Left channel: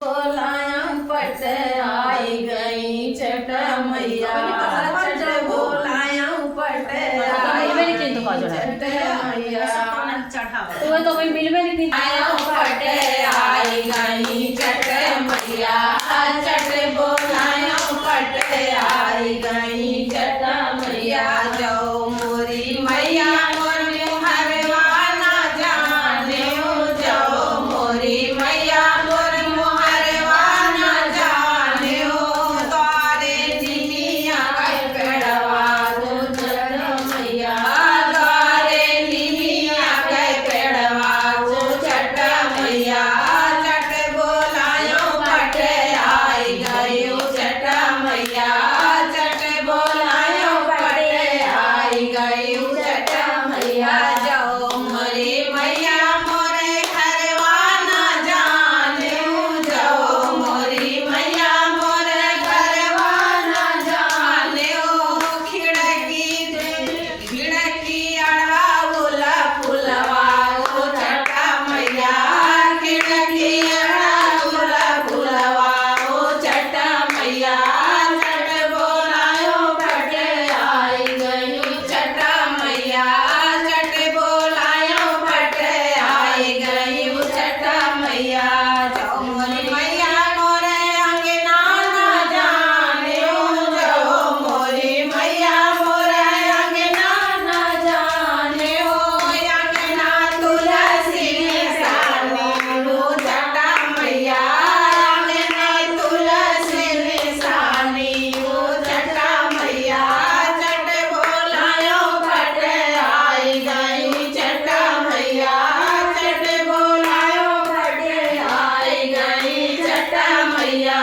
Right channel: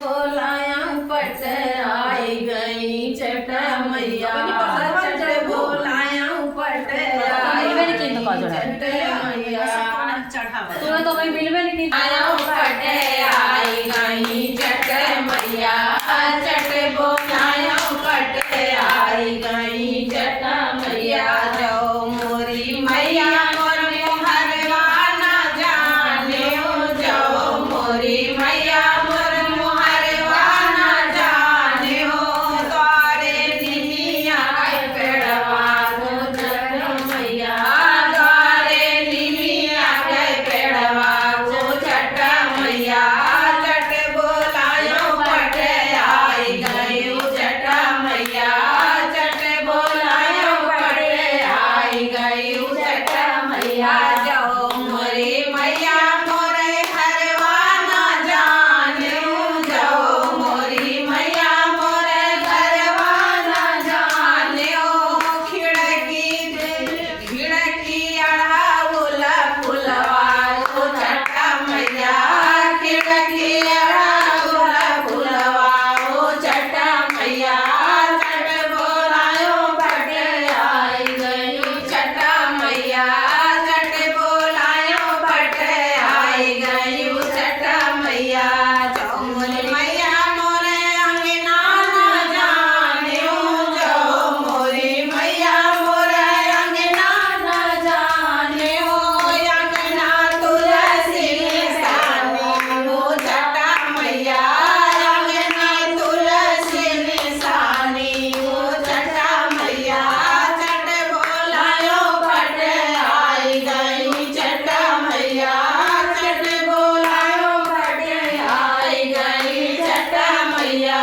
बोलाया पट आई गई चट मैया चट बोलाया पट आई गई चट मैया तुम्हें तो भाई मिल में नहीं आया पट आई गई चट मैया चट बोलाया पट आई गई चट मैया जाओ मोरी मैया मोर मुहरवाना जाने जाओ मोरी मैया मोर मुहरवाना जाने हो द्वारे निमिया के पेड़वा को चट मैया द्वारे निमिया के पेड़वा को चट मैया चट बोलायो पट आई गई चट मैया चट बोलायो पट आई गई चट मैया जाओ मोरे मैया मोरे घरवाना जाने जाओ मोरी मैया मोरे घरवाना जाने खिड़की अड़ाउला फुलवा को चट मैया खिड़की अड़ाउला फुलवा को चट मैया चट बोलायो पट आई गई चट मैया चट बोलायो पट आई गई चट मैया जाओ मोरे मैया मोरे अंगना ना जाने जाओ मोरे मैया मोरे अंगना ना जाने हो अंगना तुलसी निशानी हो चट मैया अंगना तुलसी निशानी हो चट मैया चट बोलायो पट आई गई चट मैया चट बोलायो पट आई गई चट मैया